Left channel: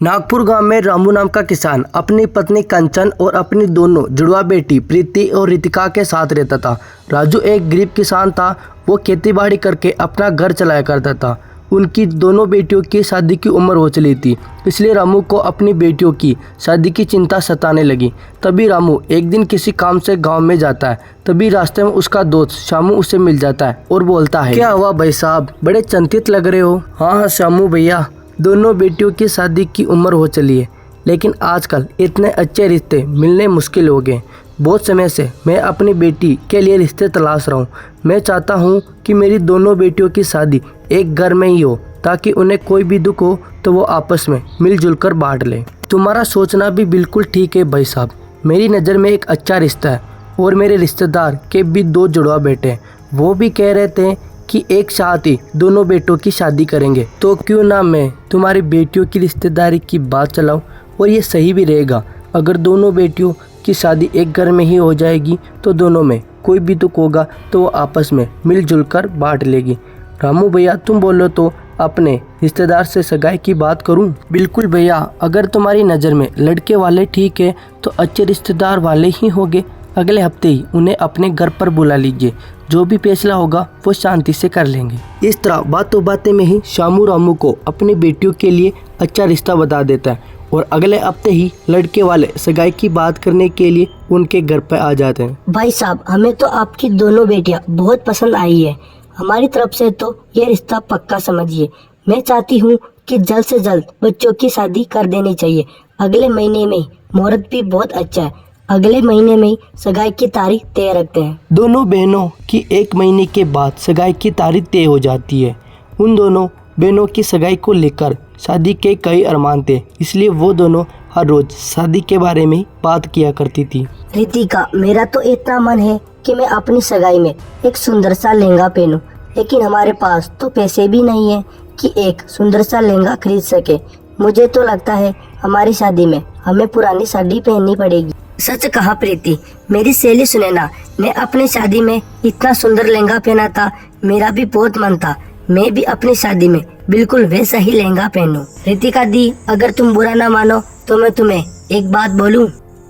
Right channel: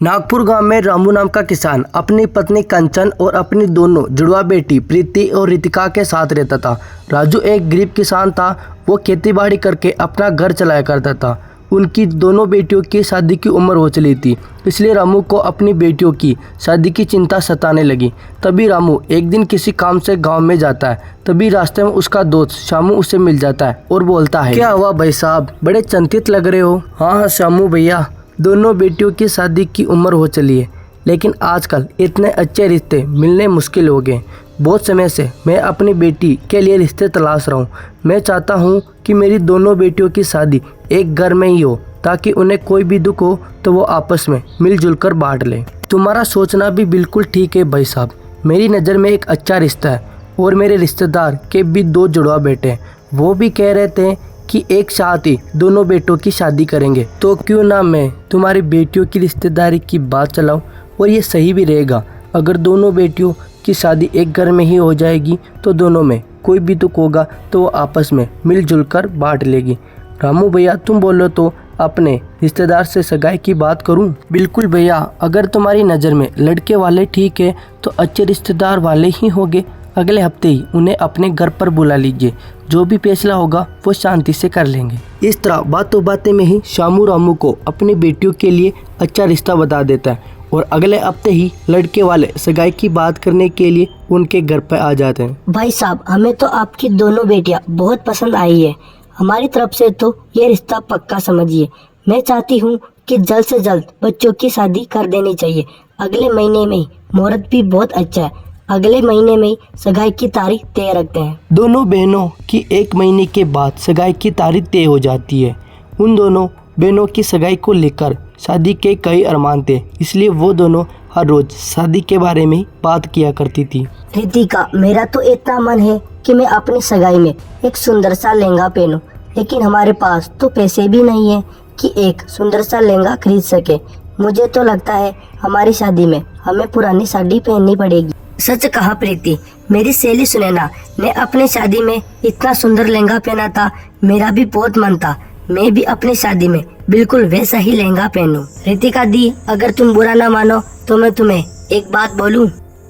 नागपुर गांव में रामू नाम का किसान अपनी पत्नी कंचन और अपनी दोनों जुड़वा बेटी प्रीति और रितिका के साथ रहता था। राजू एक गरीब किसान था। वो खेतीबाड़ी करके अपना घर चलाया करता था। उनकी दोनों बेटियों की शादी की उम्र हो चली थी, इसलिए रामू को अपनी बेटियों की शादी की चिंता सताने लगी। तभी रामू एक दिन किसी काम से गांव में जाता है। तभी रास्ते में उसका दोस्त शामू उसे मिल जाता है और बोलता है, क्या हुआ भाई साहब, बड़े चिंतित लग रहे हो। हाँ शामू भैया, दोनों बेटियों की शादी की उम्र हो चली है, लेकिन आजकल इतने अच्छे रिश्ते मिलने मुश्किल हो गए। बहुत समय से मैं अपनी बेटी के लिए रिश्ते तलाश रहा हूँ। मैं चाहता हूँ कि मेरी दोनों बेटियों की शादी एक घर में ही हो, ताकि उन्हें कोई भी दुख हो तो वो आपस में मिलजुल कर बांट लें। तुम्हारा सोचना भी बिल्कुल ठीक है भाई साहब। मेरी नज़र में एक अच्छा रिश्ता है और मेरे रिश्तेदार के भी दो जुड़वा बेटे हैं। वो भी कह रहे थे कि एक साथ ही दोनों बेटों की शादी करेंगे, तो क्यों ना मैं तुम्हारी बेटियों की रिश्तेदारी की बात चलाऊं। और ये सही भी रहेगा। अगर दोनों बेटियों की शादी एक घर में ही हो जाएगी तो दोनों में कोई भी दुख होगा तो वो आपस में मिलजुल कर बांट लेगी। रामू भैया, तुम बोलो तो अपने रिश्तेदार से सगाई की बात करूं? बिल्कुल भैया, अगर तुम्हारी नज़र में लड़के वाले ठीक है तो अच्छे रिश्तेदार वाले ही होंगे। अगले हफ्ते ही उन्हें अपने घर पर बुला लीजिए। जो भी फैसला होगा वो शांति से कर लेंगे। इस तरह बातों बातें में ही शामू रामू को अपनी बेटियों के लिए अच्छा रिश्ता बता देता है और अगले हफ्ते ही लड़के वाले सगाई की बात करने के लिए उनके घर पर आ जाते हैं। भाई साहब, हमें तो आपकी दोनों बेटियां बहुत पसंद आई है। हमारी तरफ से तो ये रिश्ता पक्का समझिए। मैं चाहती हूँ कि जल्द से जल्द बच्चों की शादी कर देनी चाहिए। अगले महीने में मुहूर्त भी बहुत अच्छा है। अगले महीने में सगाई की तारीख तय रखते हैं। दोनों बहनों की एक महीने के बाद सगाई की तारीख तय हो जाती है। उन दोनों बहनों की सगाई को लेकर शादी के कई अरमान थे, इसलिए वो दोनों हर रोज शादी के बारे में बात किया करती थी। रितिका, मेरा तो इतना मन है कि मैं अपनी सगाई में एक सुंदर सा लहंगा पहनूं, लेकिन हमारे पास तो पैसे भी नहीं है कि एक सुंदर सा लहंगा खरीद सके। मुझे तो लगता है हमारी शादी में हमें पुरानी साड़ी पहननी पड़ेगी। सच कहा प्रीति, मेरी सहेली सुनैना ने अपनी शादी में इतना सुंदर लहंगा पहना था। मेरा भी बहुत मन था मैं भी अपनी शादी में बिल्कुल वैसा ही लहंगा पहनूं। रितिका दी, अगर तुम बुरा ना मानो तो मैं तुम्हें एक बात बोलूं।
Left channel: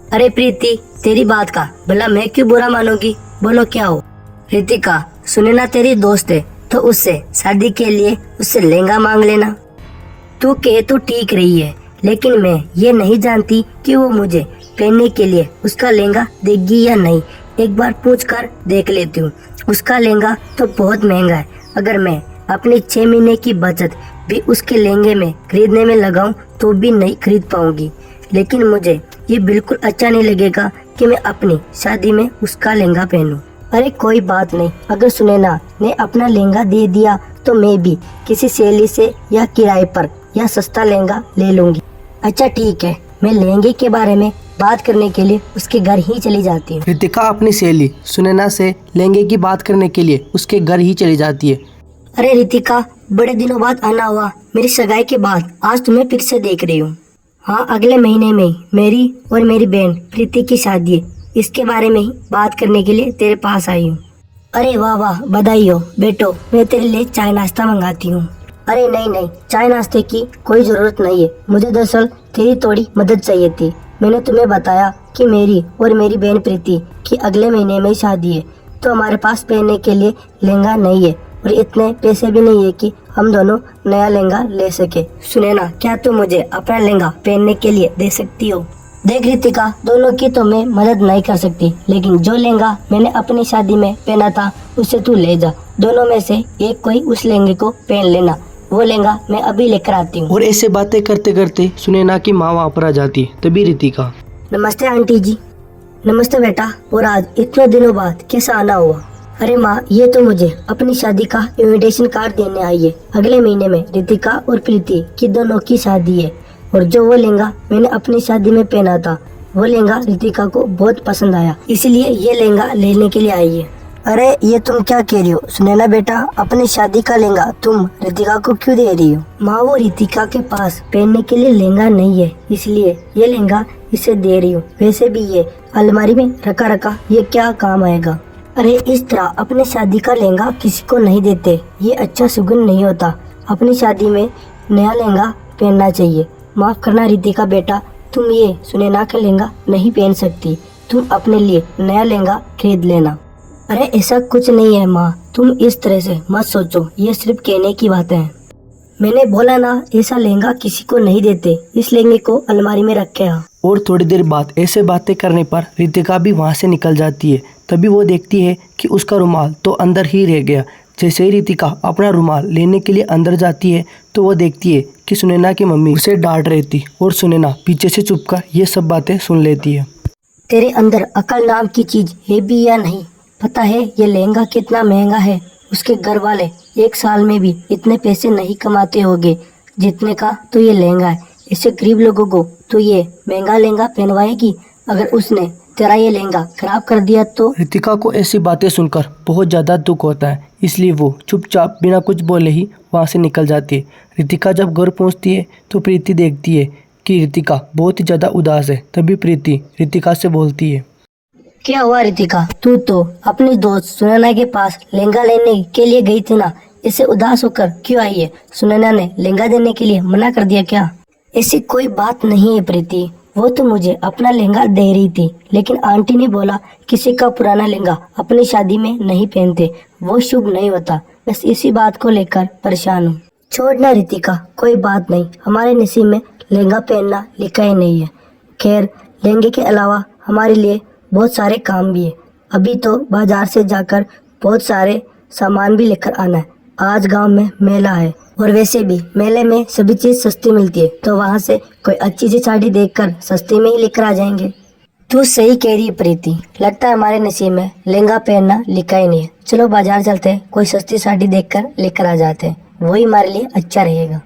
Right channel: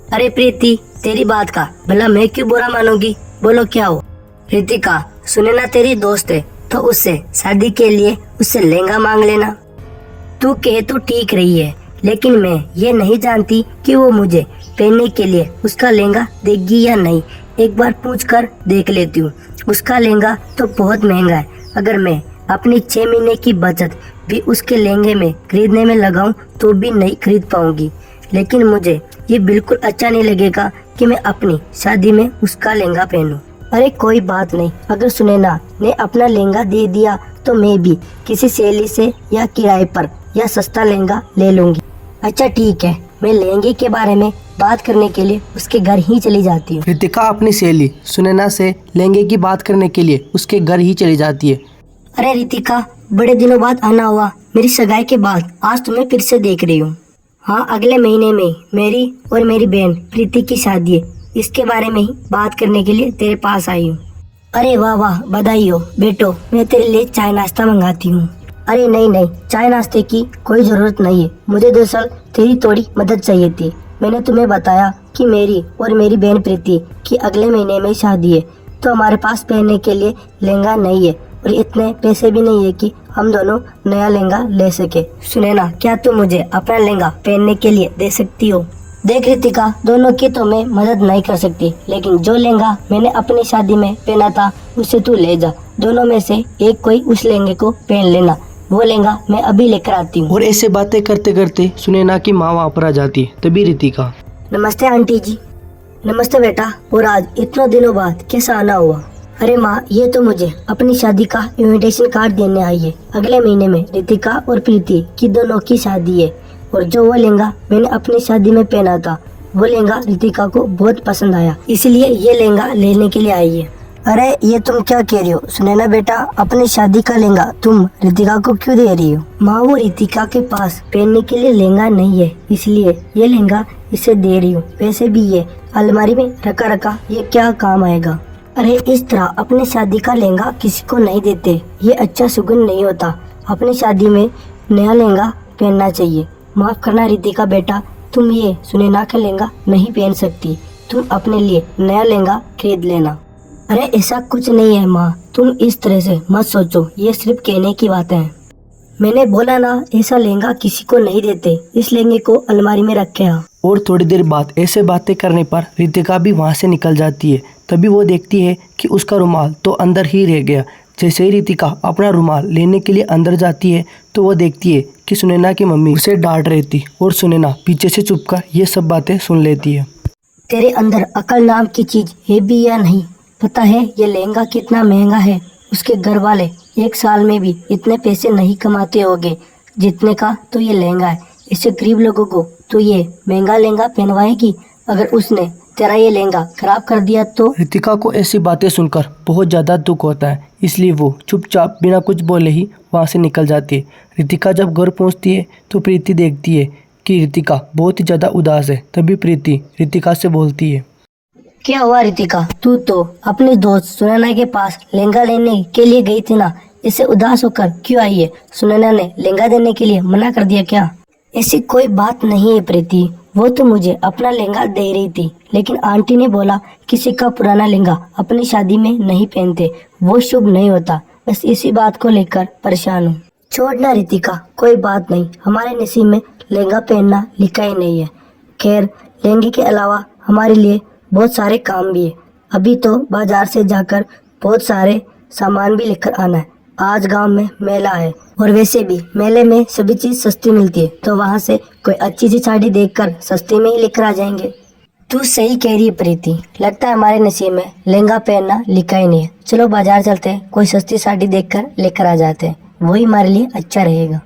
अरे प्रीति, तेरी बात का भला मैं क्यों बुरा मानूंगी, बोलो क्या हो। रितिका, सुनैना तेरी दोस्त है तो उससे शादी के लिए उससे लहंगा मांग लेना। तू कहे तो ठीक रही है, लेकिन मैं ये नहीं जानती कि वो मुझे पहनने के लिए उसका लहंगा देगी या नहीं। एक बार पूछ कर देख लेती हूँ। उसका लहंगा तो बहुत महंगा है। अगर मैं अपनी 6 महीने की बचत भी उसके लहंगे में खरीदने में लगाऊं तो भी नहीं खरीद पाऊंगी। लेकिन मुझे ये बिल्कुल अच्छा नहीं लगेगा कि मैं अपनी शादी में उसका लहंगा पहनूं। अरे कोई बात नहीं, अगर सुनैना ने अपना लहंगा दे दिया तो मैं भी किसी सहेली से या किराए पर या सस्ता लहंगा ले लूंगी। अच्छा ठीक है, मैं लहंगे के बारे में बात करने के लिए उसके घर ही चली जाती हूँ। रितिका अपनी सहेली सुनैना से लहंगे की बात करने के लिए उसके घर ही चली जाती है। अरे रितिका, बड़े दिनों बाद आना हुआ। मेरी सगाई के बाद आज तुम्हें फिर से देख रही हूँ। हाँ, अगले महीने में मेरी और मेरी बहन प्रीति की शादी है। इसके बारे में ही बात करने के लिए तेरे पास आई हूँ। अरे वाह वाह, बधाई हो बेटो। मैं तेरे लिए चाय नाश्ता मंगाती हूँ। अरे नहीं नहीं, चाय नाश्ते की कोई जरूरत नहीं है। मुझे दरअसल तेरी थोड़ी मदद चाहिए थी। मैंने तुम्हें बताया कि मेरी और मेरी बहन प्रीति की अगले महीने में शादी है, तो हमारे पास पहनने के लिए लहंगा नहीं है और इतने पैसे भी नहीं है कि हम दोनों नया लहंगा ले सके। सुनैना, क्या तुम मुझे अपना लहंगा पहनने के लिए दे सकती हो? देख रितिका, दोनों की तो मैं मदद नहीं कर सकती, लेकिन जो लहंगा मैंने अपनी शादी में पहना था उसे तू ले जा। दोनों में से एक कोई उस लहंगे को पहन लेना। वो लहंगा मैं अभी लेकर आती हूँ। और ऐसे बातें करते करते सुनैना की माँ वहाँ पर आ जाती है। तभी रितिका, नमस्ते आंटी जी। नमस्ते बेटा, और आज इतने दिनों बाद कैसा आना हुआ? अरे माँ, ये तो मुझे अपनी शादी का इनविटेशन कार्ड देने आई है। अगले महीने में रितिका और प्रीति की दोनों की शादी है, और जो वो लहंगा मैंने अपनी शादी में पहना था वो लहंगा रितिका को बहुत पसंद आया, इसलिए ये लहंगा लेने के लिए आई है। अरे ये तुम क्या कह रही हो सुनैना बेटा, अपनी शादी का लहंगा तुम रितिका को क्यों दे रही हो? माँ, वो रितिका के पास पहनने के लिए लहंगा नहीं है, इसलिए ये लहंगा इसे दे रही हूँ। वैसे भी ये अलमारी में रखा रखा ये क्या काम आएगा। अरे इस तरह अपनी शादी का लहंगा किसी को नहीं देते, ये अच्छा सुगुन नहीं होता। अपनी शादी में नया लहंगा पहनना चाहिए। माफ करना रितिका बेटा, तुम ये सुनैना का लहंगा नहीं पहन सकती। तुम अपने लिए नया लहंगा खरीद लेना। अरे ऐसा कुछ नहीं है माँ, तुम इस तरह से मत सोचो, ये सिर्फ कहने की बातें हैं। मैंने बोला ना, ऐसा लहंगा किसी को नहीं देते, इस लहंगे को अलमारी में रख के आ। और थोड़ी देर बाद ऐसे बातें करने पर रितिका भी वहाँ से निकल जाती है। तभी वो देखती है कि उसका रुमाल तो अंदर ही रह गया। जैसे ही रितिका अपना रुमाल लेने के लिए अंदर जाती है तो वो देखती है कि सुनैना की मम्मी उसे डांट रही थी और सुनैना पीछे से छुपकर ये सब बातें सुन लेती है। तेरे अंदर अकल नाम की चीज है भी या नहीं? पता है ये लहंगा कितना महंगा है? उसके घर वाले एक साल में भी इतने पैसे नहीं कमाते होंगे जितने का तो ये लहंगा है। इससे गरीब लोगों को तो ये महंगा लहंगा पहनवाएगी, अगर उसने तेरा ये लहंगा खराब कर दिया तो? रितिका को ऐसी बातें सुनकर बहुत ज़्यादा दुख होता है, इसलिए वो चुपचाप बिना कुछ बोले ही वहाँ से निकल जाती है। रितिका जब घर पहुँचती है तो प्रीति देखती है कि रितिका बहुत ही ज़्यादा उदास है। तभी प्रीति रितिका से बोलती है, क्या हुआ रितिका, तू तो अपनी दोस्त सुनैना के पास लहंगा लेने के लिए गई थी ना, इसे उदास होकर क्यों आई है? सुनैना ने लहंगा देने के लिए मना कर दिया क्या? ऐसी कोई बात नहीं है प्रीति, वो तो मुझे अपना लहंगा दे रही थी, लेकिन आंटी ने बोला किसी का पुराना लहंगा अपनी शादी में नहीं पहनते, वो शुभ नहीं होता। बस इसी बात को लेकर परेशान हूँ। छोड़ना रितिका, कोई बात नहीं, हमारे नसीब में लहंगा पहनना लिखा ही नहीं है। खैर लहंगे के अलावा हमारे लिए बहुत सारे काम भी है। अभी तो बाजार से जाकर बहुत सारे सामान भी लेकर आना है। आज गांव में मेला है और वैसे भी मेले में सभी चीज सस्ती मिलती है, तो वहाँ से कोई अच्छी सी साड़ी देखकर सस्ती में ही लेकर आ जाएंगे। तू सही कह रही है प्रीति, लगता है हमारे नसीब में लहंगा पहनना लिखा ही नहीं है। चलो बाजार चलते हैं, कोई सस्ती साड़ी देखकर लेकर आ जाते हैं, वही हमारे लिए अच्छा रहेगा।